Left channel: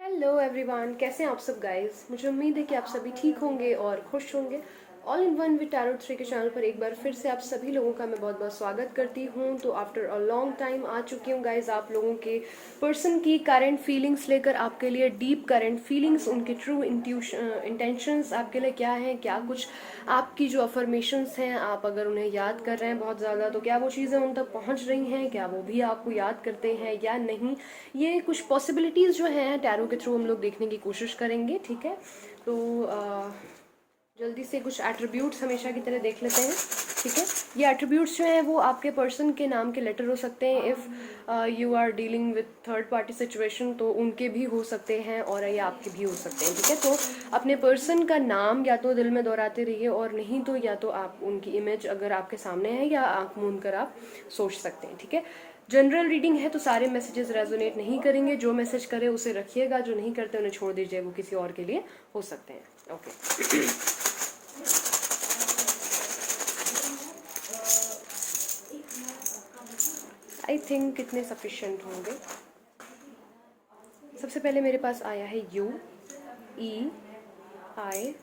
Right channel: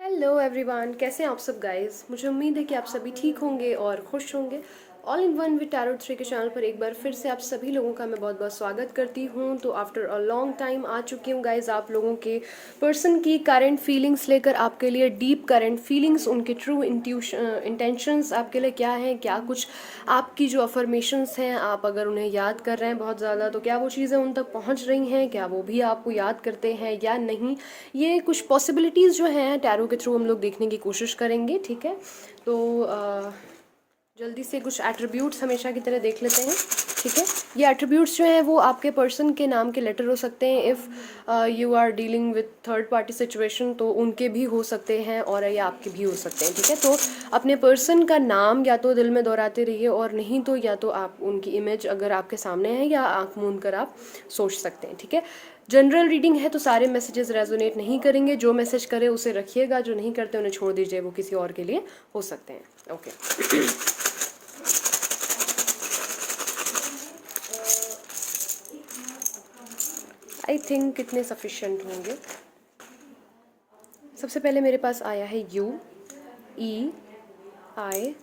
Hello everyone, कैसे हैं आप सब गाइस। मुझे उम्मीद है कि आप सभी ठीक होंगे और खुश होंगे। All in one with tarot three के चैनल पर एक बार फिर से आप सभी लोगों का मैं बहुत बहुत स्वागत करती हूँ। तो आफ्टर अ लॉन्ग टाइम आ चुकी हूँ गाइस, आप लोगों के पर्सन की करंट फीलिंग्स लेकर आपके लिए डीप करंट फीलिंग्स, उनके ट्रू इंटेंशंस आपके लिए क्या है, क्या कुछ आपकी जो अफर्मेशंस हैं, आप अगर उन्हें याद कर रहे हैं बहुत ज़्यादा तो क्या वो चीज़ें उन तक पहुँच रही हैं, क्या वो भी आपको याद करते हैं या नहीं। ये कुछ पॉसिबिलिटीज़ जो हैं टैरो के थ्रू हम लोग देखने की कोशिश करेंगे। ठीक है, तो जल्दी से कुछ एट्रीब्यूट्स हमेशा की तरह देख लेते हैं। ठीक है, ये एट्रीब्यूट्स जो हैं वो आपके पर्सन के नाम के लेटर हो सकते हैं। If you are dealing with third party situation तो उनके भी हो सकते हैं और ये आपके भी हो सकते हैं। ठीक है, तो अपने पर्सन का नाम या तो दिल में दोहराते रहिए और नहीं तो या तो आप उनकी इमेज अगर आपके सामने है या आंख मूंद कर आप सोच सकते हैं। ठीक है, जनरल रीडिंग है तो सारे मैसेजेस रेजोनेट नहीं करेंगे। जो मैसेज करे उसे रखिएगा, जो नहीं करते उन्हें छोड़ दीजिए, वो किसी और के लिए हो सकते हैं। ओके, आई थिंक कितने सफिशिएंट होंगे। सबसे पहले मेरे पास आया है U, E, I,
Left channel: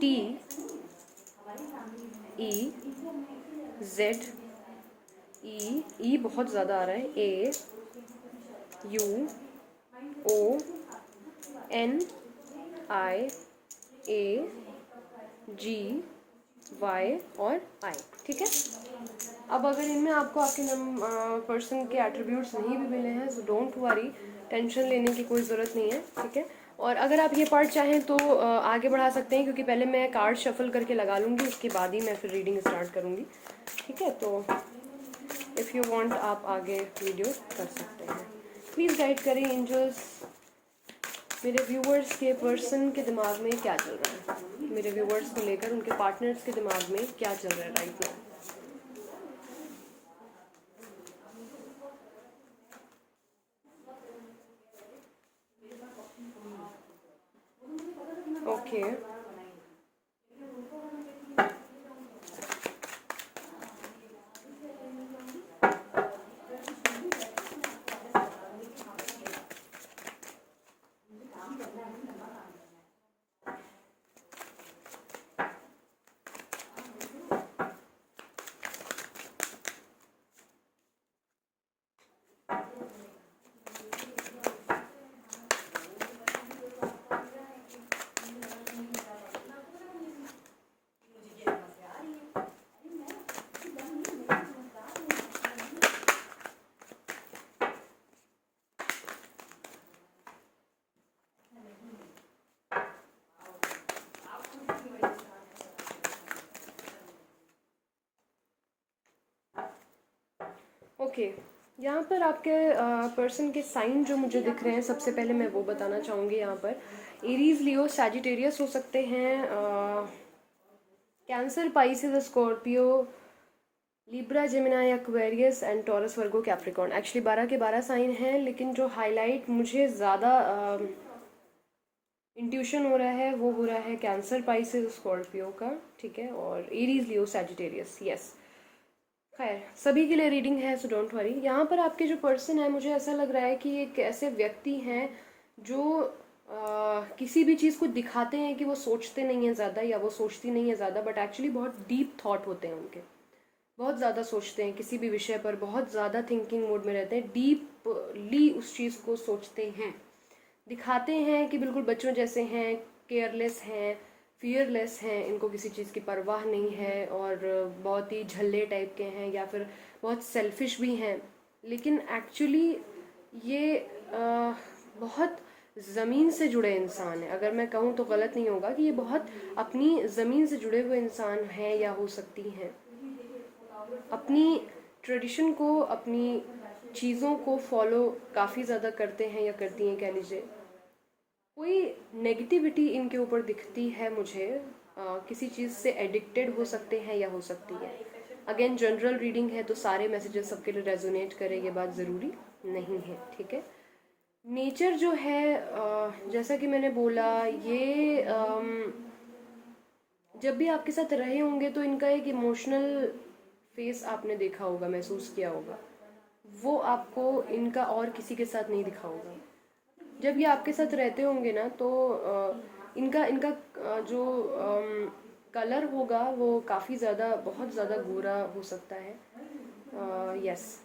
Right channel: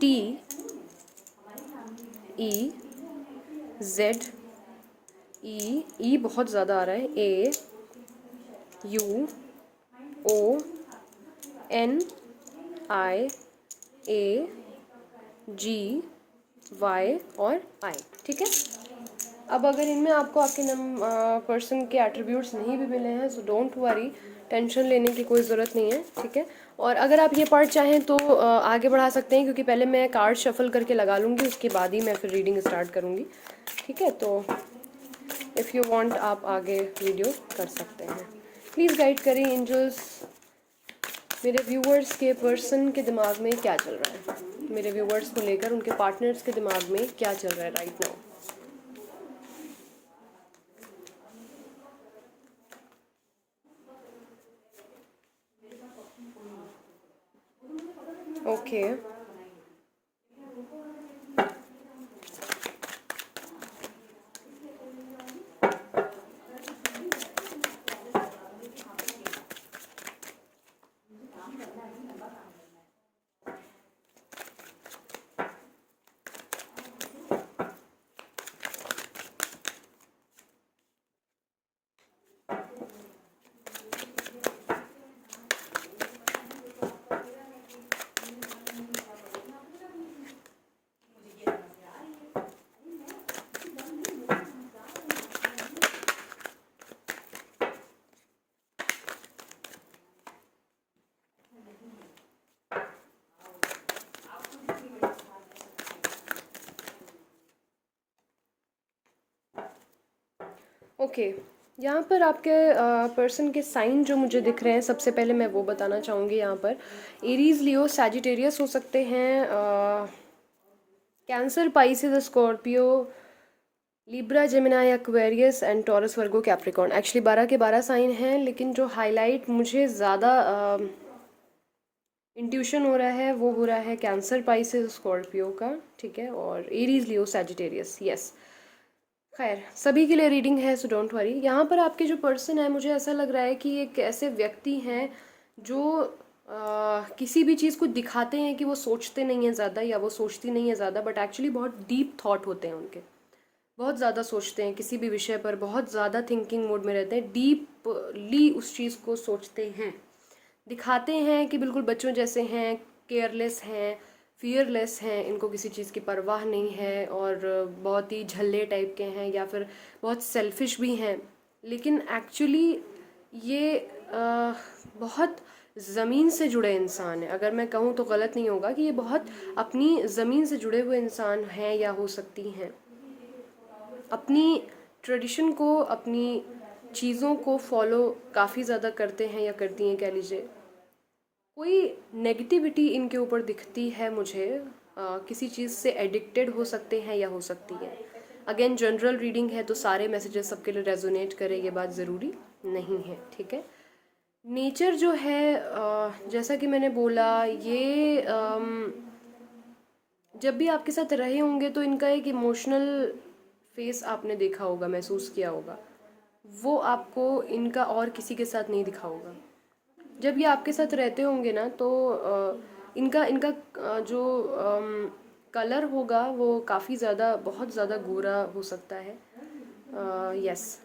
T, E, Z, E बहुत ज़्यादा आ रहा है, A, U, O, N, I, A, G, Y और आई। ठीक है, अब अगर इनमें आपको आपके पर्सन के एट्रीब्यूट्स नहीं भी मिले हैं सो डोंट वरी, टेंशन लेने की कोई ज़रूरत नहीं है। ठीक है, और अगर आप ये पार्ट चाहें तो आगे बढ़ा सकते हैं, क्योंकि पहले मैं कार्ड शफल करके लगा लूँगी, उसके बाद ही मैं फिर रीडिंग स्टार्ट करूँगी। ठीक है, तो इफ़ यू वांट आप आगे वीडियो कर सकते हैं। प्लीज़ गाइड करें एंजल्स, मेरे व्यूवर्स के पर्सन के दिमाग में क्या चल रहा है, मेरे व्यूवर्स को लेकर उनके पार्टनर्स के दिमाग में क्या चल रहा है राइट नाउ। ओके, ओके, यहाँ पर आपके पर्सन के साइन जो मुझे दिख रहे हैं, सबसे पहले मैं वो बताना चाहूँगी। यहाँ पर एरीज, लियो, सैजिटेरियस हो सकते हैं, cancer, Pisces, Scorpio, Libra, Gemini, Aquarius and taurus, Virgo, Capricorn. Actually 12 के 12 साइन हैं, लेकिन जो हाईलाइट मुझे ज़्यादा इंट्यूशन हो रहा है वो हो रहा है कैंसर, पाइसेस, स्कॉर्पियो का। ठीक है, और एरीज, लियो, सैजिटेरियस। यस, खैर सभी के लिए रीडिंग है सो डोंट वरी। यहाँ पर आपके जो पर्सन है, मुझे ऐसा लग रहा है कि एक ऐसे व्यक्ति हैं जो किसी भी चीज़ को दिखाते हैं कि वो सोचते नहीं हैं ज़्यादा या वो सोचती नहीं है ज़्यादा, बट एक्चुअली बहुत डीप थॉट होते हैं उनके, बहुत ज़्यादा सोचते हैं किसी भी विषय पर, बहुत ज़्यादा थिंकिंग मोड में रहते हैं, डीपली उस चीज़ को सोचते हैं। दिखाते हैं कि बिल्कुल बच्चों जैसे हैं, केयरलेस हैं, फियरलेस हैं, इनको किसी चीज़ की परवाह नहीं है और बहुत ही झल्ले टाइप के हैं या फिर बहुत सेल्फिश भी हैं। लेकिन एक्चुअली ये बहुत ज़मीन से जुड़े इंसान है। अगर मैं कहूँ तो गलत नहीं होगा कि ये बहुत अपनी ज़मीन से जुड़े हुए इंसान हैं या हो सकती हैं। अपनी ट्रेडिशन को, अपनी चीज़ों को फॉलो काफ़ी ज़्यादा करते हैं या करती हैं कह लीजिए। कोई नेगेटिविटी इनके ऊपर दिखती है मुझे, किसी चीज़ से एडिक्टेड हो सकते हैं या हो सकती है। अगेन जनरल रीडिंग है तो सारे मैसेजेस सबके लिए रेजोनेट करें ये बात ज़रूरी नहीं है। ठीक है, नेचर जो है जैसा कि मैंने बोला, ये जब भी आपके साथ रहे होंगे तो इनका एक इमोशनल फेस आपने देखा होगा, महसूस किया होगा, वो आपको इनका और किसी के साथ नहीं दिखा होगा। जब ये आपके साथ रहते होंगे ना तो इनका इनका जो कलर होगा वो काफ़ी ज़्यादा, बहुत ज़्यादा गोरा हो सकता है। यस,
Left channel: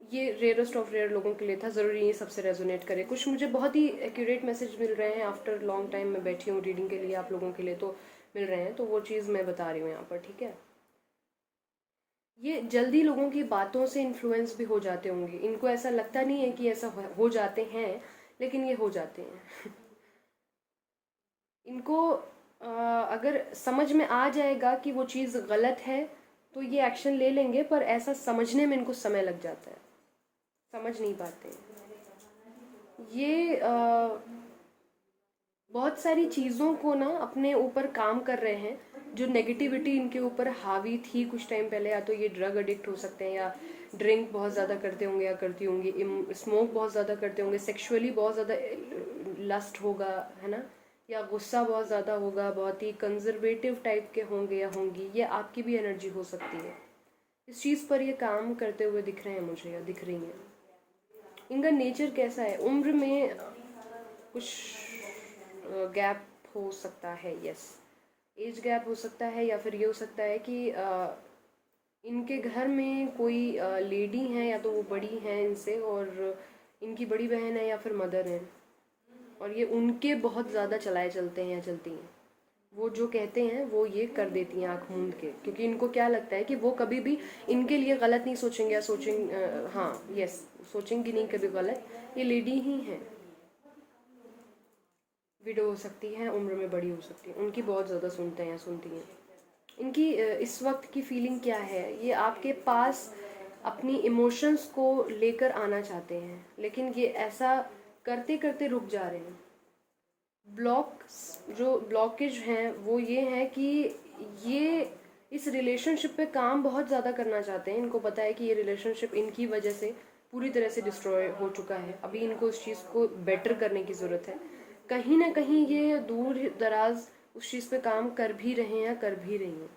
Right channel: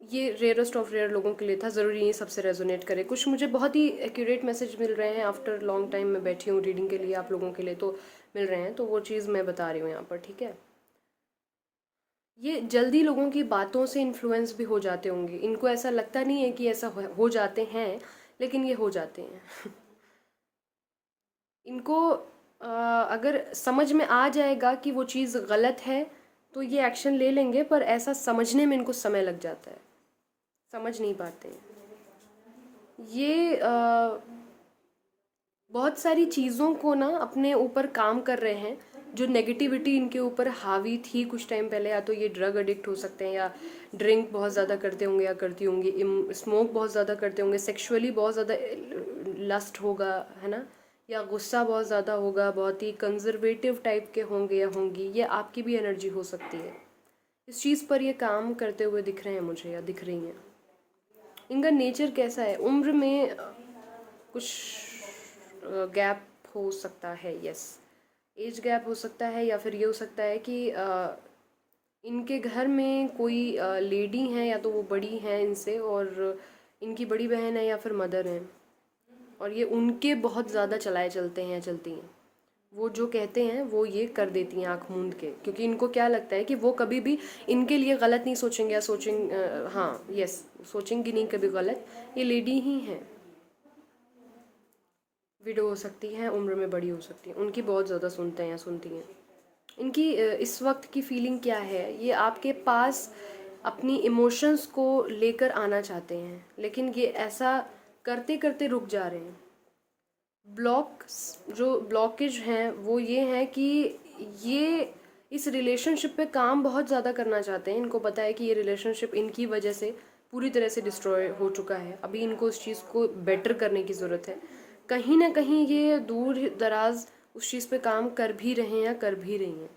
ये रेयरेस्ट ऑफ रेयर लोगों के लिए था, ज़रूरी नहीं सबसे रेजोनेट करे। कुछ मुझे बहुत ही एक्यूरेट मैसेज मिल रहे हैं आफ्टर लॉन्ग टाइम, मैं बैठी हूँ रीडिंग के लिए, आप लोगों के लिए तो मिल रहे हैं, तो वो चीज़ मैं बता रही हूँ यहाँ पर, ठीक है। ये जल्दी लोगों की बातों से इन्फ्लुएंस भी हो जाते होंगे, इनको ऐसा लगता नहीं है कि ऐसा हो जाते हैं, लेकिन ये हो जाते हैं। इनको अगर समझ में आ जाएगा कि वो चीज़ गलत है तो ये एक्शन ले लेंगे, पर ऐसा समझने में इनको समय लग जाता है, समझ नहीं पाते हैं। ये बहुत सारी चीज़ों को ना अपने ऊपर काम कर रहे हैं, जो नेगेटिविटी इनके ऊपर हावी थी कुछ टाइम पहले। या तो ये ड्रग एडिक्ट हो सकते हैं, या ड्रिंक बहुत ज़्यादा करते होंगे या करती होंगी, स्मोक बहुत ज़्यादा करते होंगे, सेक्सुअली बहुत ज़्यादा लस्ट होगा, है ना, या गुस्सा बहुत ज़्यादा होगा, बहुत ही कंजर्वेटिव टाइप के होंगे या होंगी। ये आपकी भी एनर्जी हो सकती है। इस चीज़ पर ये काम करते हुए दिख रहे हैं मुझे, या दिख रही हैं। इनका नेचर कैसा है, उम्र में कुछ गैप हो सकता है, यस, एज गैप हो सकता है, या फिर ये हो सकता है कि इनके घर में कोई लेडी हैं, या तो वो बड़ी हैं इनसे, और इनकी बड़ी बहन है या फिर मदर हैं, और ये उनके बहुत ज़्यादा चलाए चलते हैं या चलती हैं। वो जो कहते हैं वो ये कर देती हैं आँख मूंद के, क्योंकि इनको क्या लगता है कि वो कभी भी इनके लिए गलत नहीं सोचेंगे, या सोचेंगे, हाँ यस, सोचेंगी नहीं कभी गलत। ये लेडी ही हैं, विडो हो सकती हैं, उम्र में बड़ी हो सकती हैं, उनकी बहुत ज़्यादा सुनते हैं या सुनती हैं। इनकी इस वक्त की फीलिंग क्या है, ये आपके पास अपनी इमोशंस को लेकर आना चाहते हैं, लेकिन ये ऐसा करते करते रुक जा रहे हैं। जो ब्लॉकेज हैं वो ये है कि ये इस रिलेशनशिप पे काम बहुत ज़्यादा करना चाहते हैं। इनको पता है कि ये रिलेशनशिप इनकी वजह से पूरी तरह से डिस्ट्रॉय हो चुका है, अभी इनको उस चीज़ को बेटर करने की ज़रूरत है। कहीं ना कहीं ये दूर दराज उस चीज़ पे काम कर भी रहे हैं या कर भी रही हैं,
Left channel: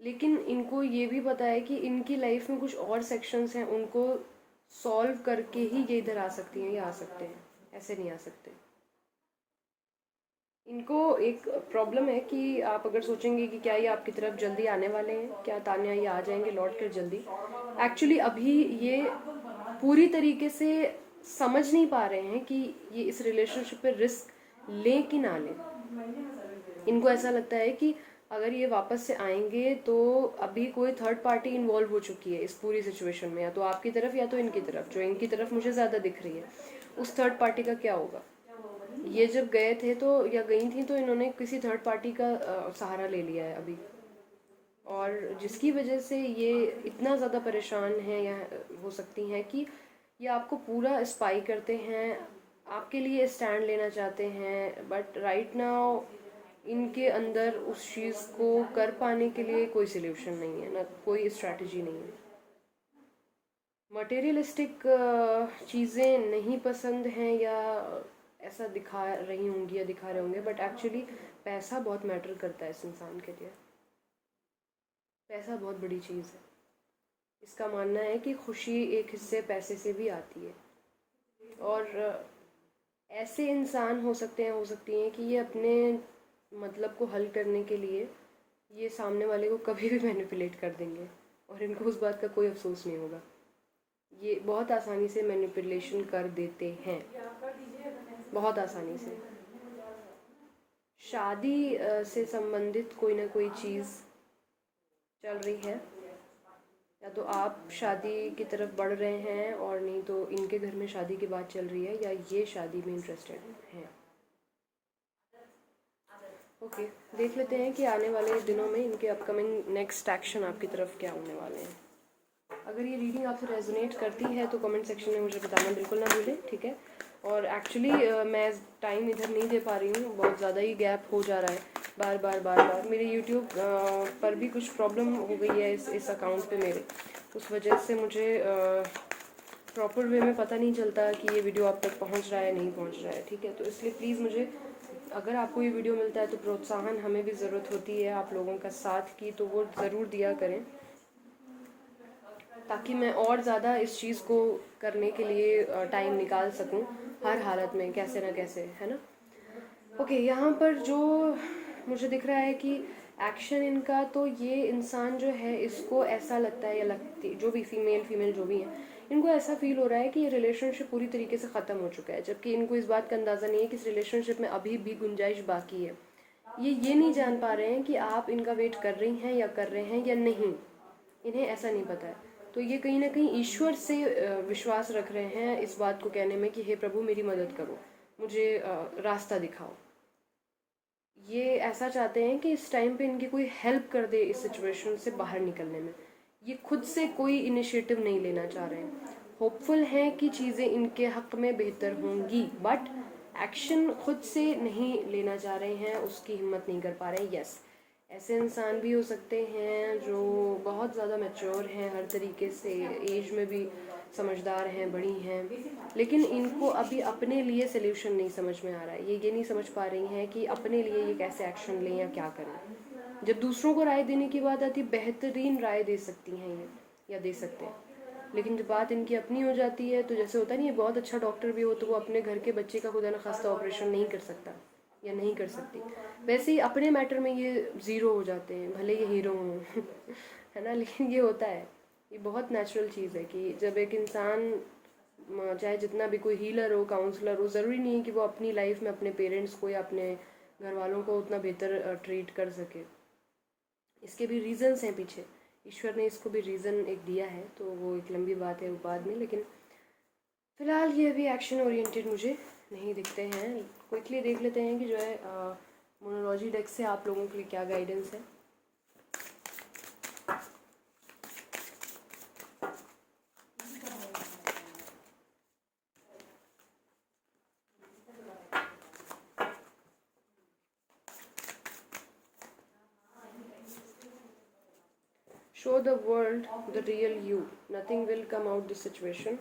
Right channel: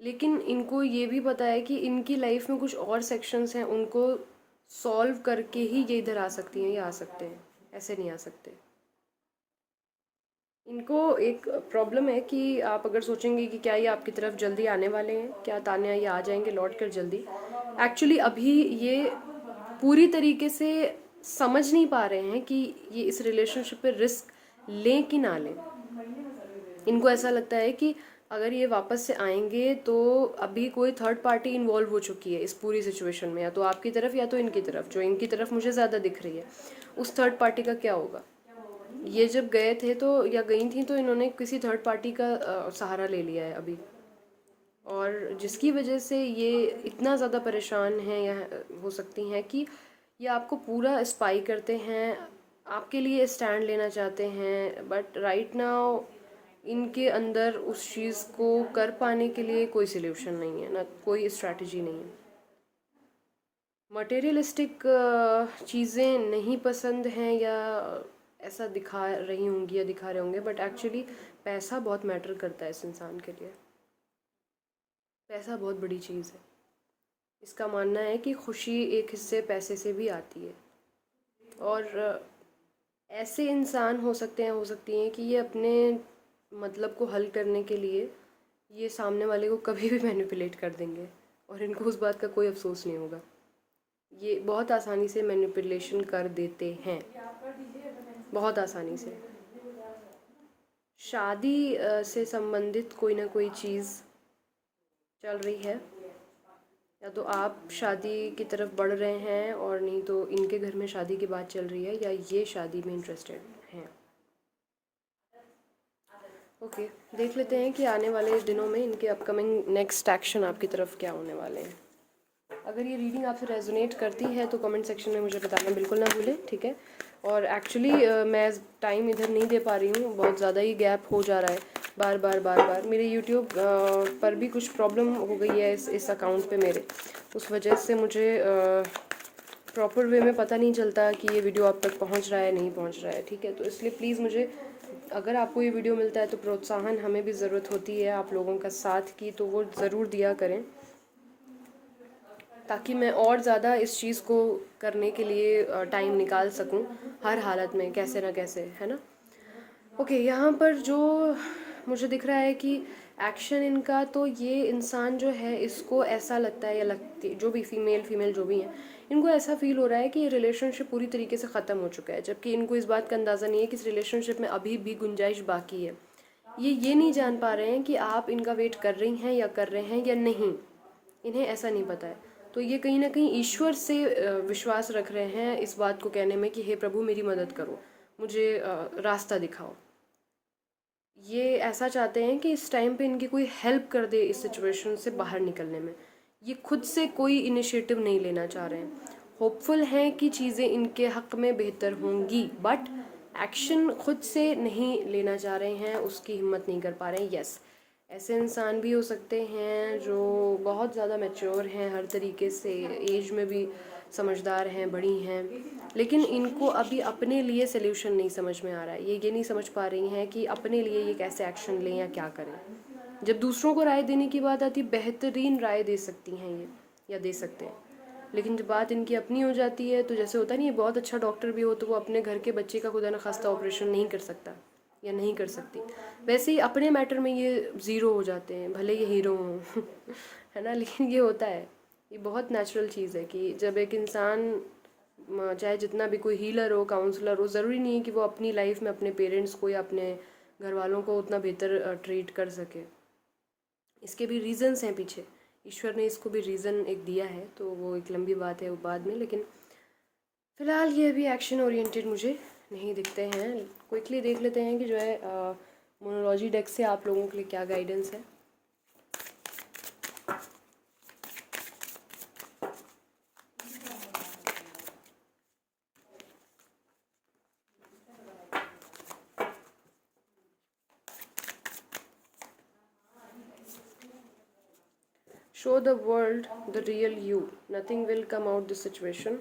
लेकिन इनको ये भी पता है कि इनकी लाइफ में कुछ और सेक्शंस हैं, उनको सॉल्व करके ही ये इधर आ सकती हैं या आ सकते हैं, ऐसे नहीं आ सकते। इनको एक प्रॉब्लम है कि आप अगर सोचेंगे कि क्या ये आपकी तरफ जल्दी आने वाले हैं, क्या तान्या ये आ जाएंगे लौट कर जल्दी, एक्चुअली अभी ये पूरी तरीके से समझ नहीं पा रहे हैं कि ये इस रिलेशनशिप पे रिस्क लें कि ना लें। इनको ऐसा लगता है कि अगर ये वापस से आएंगे तो अभी कोई थर्ड पार्टी इन्वॉल्व हो चुकी है इस पूरी सिचुएशन में, या तो आपकी तरफ या तो इनकी तरफ। जो इनकी तरफ मुझे ज़्यादा दिख रही है, उस थर्ड पार्टी का क्या होगा। ये जब गए थे तो, या गई थी तो इन्होंने किसी थर्ड पार्टी का सहारा ले लिया है अभी, और जिसकी वजह से ये इतना ज़्यादा परेशान हैं, या हो सकती हैं कि ये आपको पूरा स्पाई करते हैं, आपके लिए स्टैंड लेना चाहते हैं, बट राइट नाउ इनके अंदर उस चीज़ को कर पाने के लिए कोई सोल्यूशन नहीं है, ना कोई स्ट्रैटेजी नहीं है। मटेरियलिस्टिक चीज़ें नहीं पसंद हैं, या ऐसा दिखा रही होंगी या दिखा रहे होंगे, बट एक्चुअली पैसा बहुत मैटर करता है इस इंसान के लिए। पैसा बहुत बड़ी चीज़ है। इसका मानना है कि खुशी एक हिस्से पैसे से भी आती है, और ऐसे इंसान हो सकते हैं, हो सकती हैं कि ये अपने मतलब को हल करने के लिए ये सामने वाले को कभी भी मैनिपुलेट कर देंगे, और इनको उस बात का कोई अफसोस नहीं होगा। ये बहुत आसानी से मैनिपुलेशन कर देते हैं, बहुत आसानी से। शादी से संबंधित कोई ना कोई चीज़ चल रही है, या तो आप शादी की तरफ बढ़ रहे हैं, और नहीं तो इनके घर में शादी की बात चल रही है, या ये शादी में इंटरेस्टेड हैं। ओके, देख लेते हैं कि आने वाले दिनों में इनके अपकमिंग नेक्स्ट एक्शन आपकी तरफ क्या होने वाले हैं। अगर ये रीडिंग आपसे रेजोनेट करती है तो कमेंट सेक्शन में मुझे बताना बिल्कुल ना भूलें, ठीक है। और एक्चुअली मैं टाइम इधर नहीं दे पा रही हूँ, बहुत ज़्यादा ही गैप हो जा रहा है, बार बार मेरे यूट्यूब पर भी कुछ प्रॉब्लम हो गई है इस अकाउंट पे मेरे, उस वजह से मुझे प्रॉपर वे में पता नहीं चलता कि ये वीडियो आप तक पहुँच रहा है नहीं पहुँच रहा है, ठीक है। तो इसलिए प्लीज़ मुझे, अगर आपको ये वीडियो मिलता है तो प्रोत्साहन हमें भी ज़रूरत होती है आप लोगों का साथ की, तो वो ज़रूर दिया करें। ताकि मैं और ज़्यादा इस चीज़ को करने के लिए टाइम निकाल सकूं हर हालत में, कैसे ना कैसे, है ना। ओके, यहाँ पर जो मुझे दिख रहा है कि एक्शन इनका, तो ये इंसान जो है इसको ऐसा लगता है या लगती, जो भी फीमेल जो भी है, इनको ऐसा फील हो रहा है कि ये रिलेशनशिप पूरी तरीके से ख़त्म हो चुका है, जबकि इनको इस बात का अंदाज़ा नहीं है कि इस रिलेशनशिप में अभी भी गुंजाइश बाकी है। ये नहीं जान पा रहे हैं कि आप इनका वेट कर रही हैं या कर रहे हैं या नहीं, इन्हें ऐसा नहीं पता है। तो ये कहीं ना कहीं ईश्वर से विश्वास रख रहे हैं इस बात को कहने में कि हे प्रभु मेरी मदद करो, मुझे रास्ता दिखाओ। ये ऐसा चाहते हैं कि इस टाइम पे इनकी कोई हेल्प कर दे इस सिचुएशन से बाहर निकलने में। ये खुद से कोई इनिशिएटिव नहीं लेना चाह रहे हैं। होपफुल हैं कि चीज़ें इनके हक में बेहतर होंगी, बट एक्शन खुद से नहीं लेना चाह रहे हैं, उसकी हिम्मत नहीं कर पा रहे हैं। यस, ऐसे इंसान भी हो सकते हैं जो बहुत ज़्यादा मैच्योर हैं हर तरीके से, एज में भी समझदार हैं, बड़ी हैं, लेकिन इनको अभी अपने लिए सोल्यूशन नहीं समझ में आ रहा है। ये नहीं समझ पा रही हैं कि अपने लिए ये कैसे एक्शन लें या क्या करें। जब दूसरों को राय देने की बात आती, बेहतरीन राय दे सकती हैं ये, या दे सकते हैं, लेकिन जब बात इनकी अपनी हो जाती है तो जैसे होता नहीं है, बहुत अच्छा डॉक्टर भी हो तो वो अपने घर के बच्चे का खुदा न खास्ता ऑपरेशन नहीं कर सकता या नहीं कर सकती, वैसे ही अपने मैटर में ये ज़ीरो हो जाते हैं, भले ये हीरो हों है ना। लेकिन ये होता है, ये बहुत नेचुरल चीज़ है कि जब एक इंसान, चाहे जितना भी कोई हीलर हो, काउंसलर हो, ज़रूरी नहीं है कि वो अपनी लाइफ में अपने पेरेंट्स को या अपने घर वालों को उतना बेहतर ट्रीट कर सके। इसके भी रीज़न्स हैं पीछे, ईश्वर ने इसको भी रीज़न एक दिया है, तो वो एक लंबी बात है बाद में। लेकिन फ़िलहाल ये अभी एक्शन ओरिएंटेड मुझे नहीं दिखते हैं। क्विकली देख लेते हैं कि जो है मोनोलॉजी डेक से आप लोगों के लिए क्या गाइडेंस है। Show the world the real you. Nothing will come out this situation.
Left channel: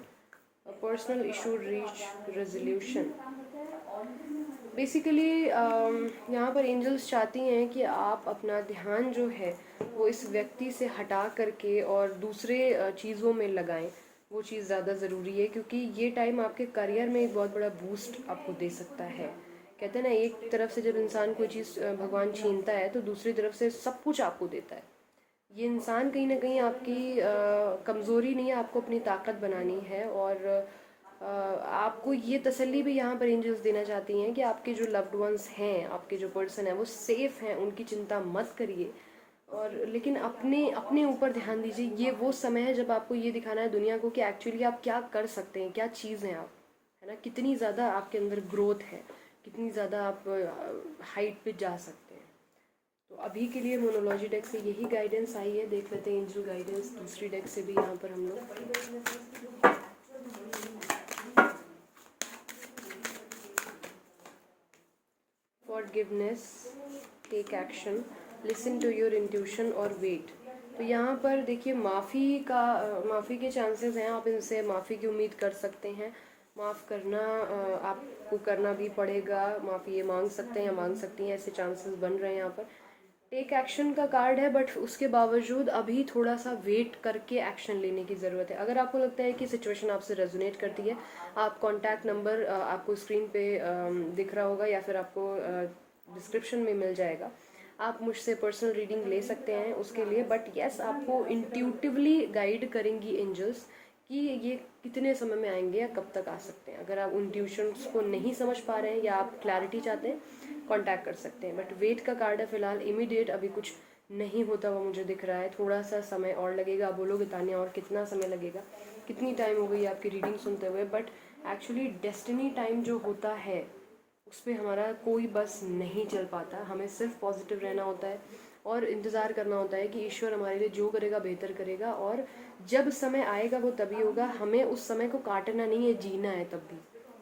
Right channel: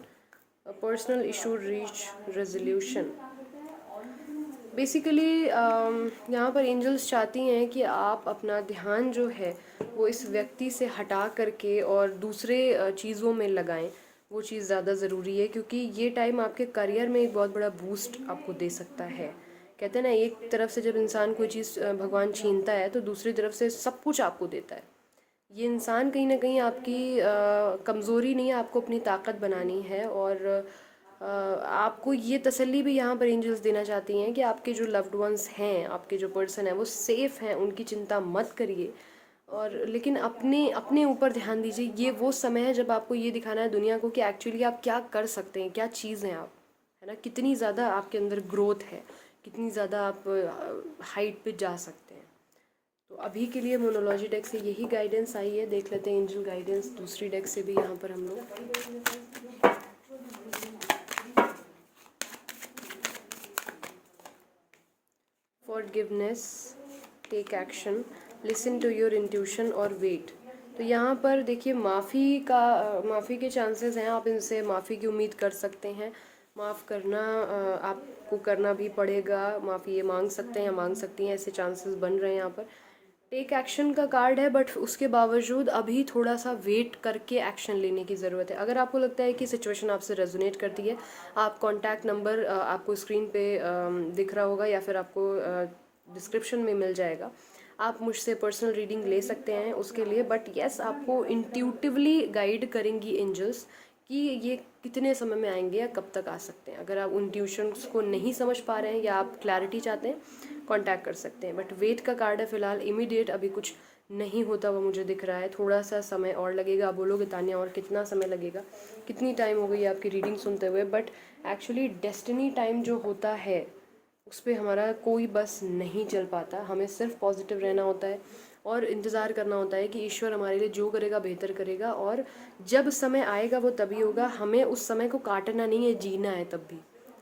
A personal issue reach resolution. Basically यहाँ पर एंजल्स चाहती हैं कि आप अपना ध्यान जो है वो इस व्यक्ति से हटा करके और दूसरे चीज़ों में लगाएं। वो चीज़ ज़्यादा ज़रूरी है, क्योंकि ये टाइम आपके करियर में एक बहुत बड़ा बूस्ट आपको दे सकता है। कहते हैं ना, एक तरफ से जब इंसान कोई चीज़ भगवान छीनता है तो दूसरी तरफ से सब कुछ आपको देता है। ये इंसान कहीं ना कहीं आपकी कमज़ोरी नहीं है, आपको अपनी ताकत बनानी है। और आपको ये तसल्ली भी यहाँ पर एंजल्स देना चाहती हैं कि आपके जो लव्ड वंस हैं, आपके जो पर्सन हैं वो सेफ़ हैं, उनकी चिंता मत करिए। और लेकिन अपने अपने ऊपर ध्यान दीजिए। ये वो समय है जब आपको ये दिखाना है दुनिया को कि एक्चुअली आप क्या कर सकते हैं, क्या चीज़ हैं आप, है ना, कितनी ज़्यादा आपके अंदर ग्रोथ है, कितनी ज़्यादा आप हाइट पे जा सकते हैं। तो अभी के लिए मोनोलॉजी डेक से यही गाइडेंस आई है। देख लेते हैं एंजल गाइडेंस दूसरी डेक से भी यहाँ पर हम लोग। Forgiveness, take action, listen to your intuition और वेट। तो यहाँ पर देखिए माफ़ी के चांसेस हैं, आप इनसे माफ़ी की उम्मीद कर सकते हैं। माफ़ करना आपको करना भी पड़ेगा, माफ़ी ये मांग सकते हैं या मांग सकती हैं, ऐसे चांसेस बन रहे हैं यहाँ पर। टेक एक्शन का कार्ड है, बट उसके बावजूद अभी थोड़ा सा वेट करके एक्शन लेने की ज़रूरत है। अगर आपको लगता है कि सिचुएशन आपसे रेजोनेट करती है, आप कॉन्टैक्ट नंबर आपको स्क्रीन पे दिख रहा होगा या फिर आपको डिस्क्रिप्शन में मिल जाएगा। आप मुझसे पर्सनल रीडिंग ले सकते हैं उसके लिए। बट येस, आपको इंट्यूटिवली गाइड करेंगी एंजल्स कि ये कितने समय में आएंगे या कब तक आ सकते हैं। अगर आप उन ट्यूशन्स को नहीं समझ पा रहे हैं या आप क्लैरिटी चाहते हैं, कांटेक्ट कर सकते हैं। बट वेट का कार्ड है फिलहाल, इमीडिएट अभी कुछ नहीं होता वो मुझे दिख रहा है। थोड़ा सा समय और लगेगा। आप बोलोगे तान्या और कितना समय लगेगा, कितनी टाइम हो गई आपकी रीडिंग सुनते हुए, बट एक्चुअली डेस्टिनी टाइम जो होता है उस पर हमारा कोई बस नहीं चल पाता। हमें सिर्फ पॉजिटिव रहना होता है और इंतज़ार करना होता है कि ईश्वर हमारे लिए जो करेगा बेहतर करेगा, और जब समय आएगा वो तभी होगा। हमें उस समय को काटना नहीं है, जीना है। तब भी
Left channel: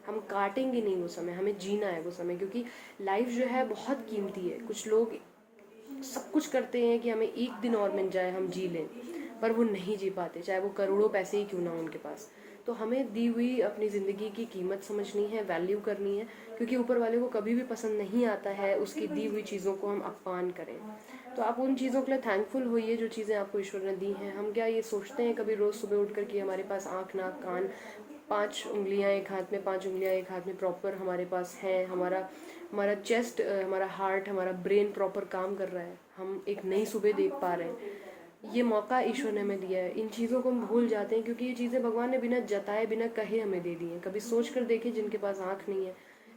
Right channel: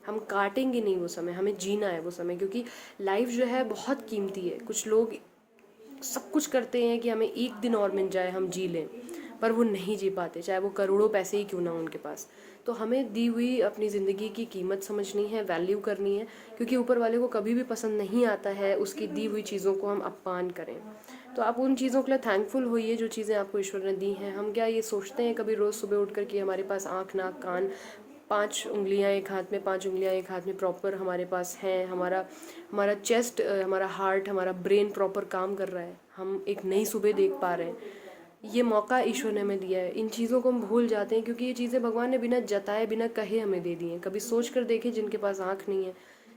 हम काटेंगे नहीं वो समय, हमें जीना है वो समय, क्योंकि लाइफ जो है बहुत कीमती है। कुछ लोग सब कुछ करते हैं कि हमें एक दिन और मिल जाए, हम जी लें, पर वो नहीं जी पाते, चाहे वो करोड़ों पैसे ही क्यों ना हो उनके पास। तो हमें दी हुई अपनी ज़िंदगी की कीमत समझनी है, वैल्यू करनी है, क्योंकि ऊपर वाले को कभी भी पसंद नहीं आता है उसकी दी हुई चीज़ों को हम अपमान करें। तो आप उन चीज़ों के लिए थैंकफुल होइए जो चीज़ें आपको ईश्वर ने दी हैं। हम क्या ये सोचते हैं कभी रोज़ सुबह उठ कर कि हमारे पास आँख नाक कान 5 उंगलियाँ एक हाथ में, 5 उंगलियाँ एक हाथ में प्रॉपर हमारे पास हैं, हमारा हमारा चेस्ट, हमारा हार्ट, हमारा ब्रेन प्रॉपर काम कर रहा है, हम एक नई सुबह देख पा रहे हैं। ये मौका ईश्वर ने हमें दिया है। इन चीज़ों को हम भूल जाते हैं क्योंकि ये चीज़ें भगवान ने बिना जताए बिना कहे हमें दे दी हैं। कभी सोच कर देखें जिनके पास आँख नहीं है,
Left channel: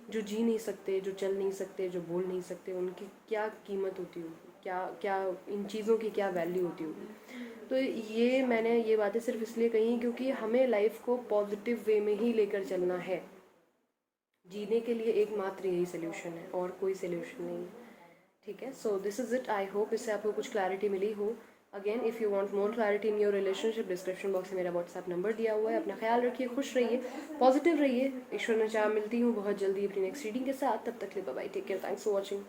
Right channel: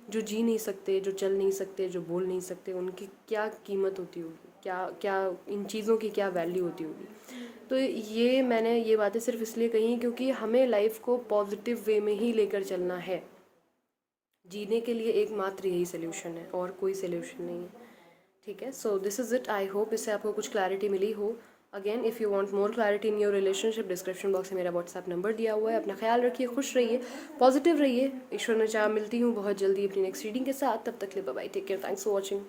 जो जी नहीं सकते, जो चल नहीं सकते, जो बोल नहीं सकते, उनकी क्या कीमत होती होगी, क्या क्या इन चीज़ों की क्या वैल्यू होती होगी। तो ये मैंने ये बातें सिर्फ इसलिए कही क्योंकि हमें लाइफ को पॉजिटिव वे में ही लेकर चलना है। जीने के लिए एकमात्र यही सोल्यूशन है और कोई सोल्यूशन नहीं है। ठीक है, so this is it. I hope इससे आपको कुछ क्लैरिटी मिली हो। Again if you want more clarity in your relationship, description box में मेरा व्हाट्सएप नंबर दिया हुआ है। अपना ख्याल रखिए, खुश रहिए, पॉजिटिव रहिए। ईश्वर ने चाह मिलती हूँ बहुत जल्दी अपनी नेक्स्ट रीडिंग के साथ। तब तक के लिए bye bye, take care, thanks for watching.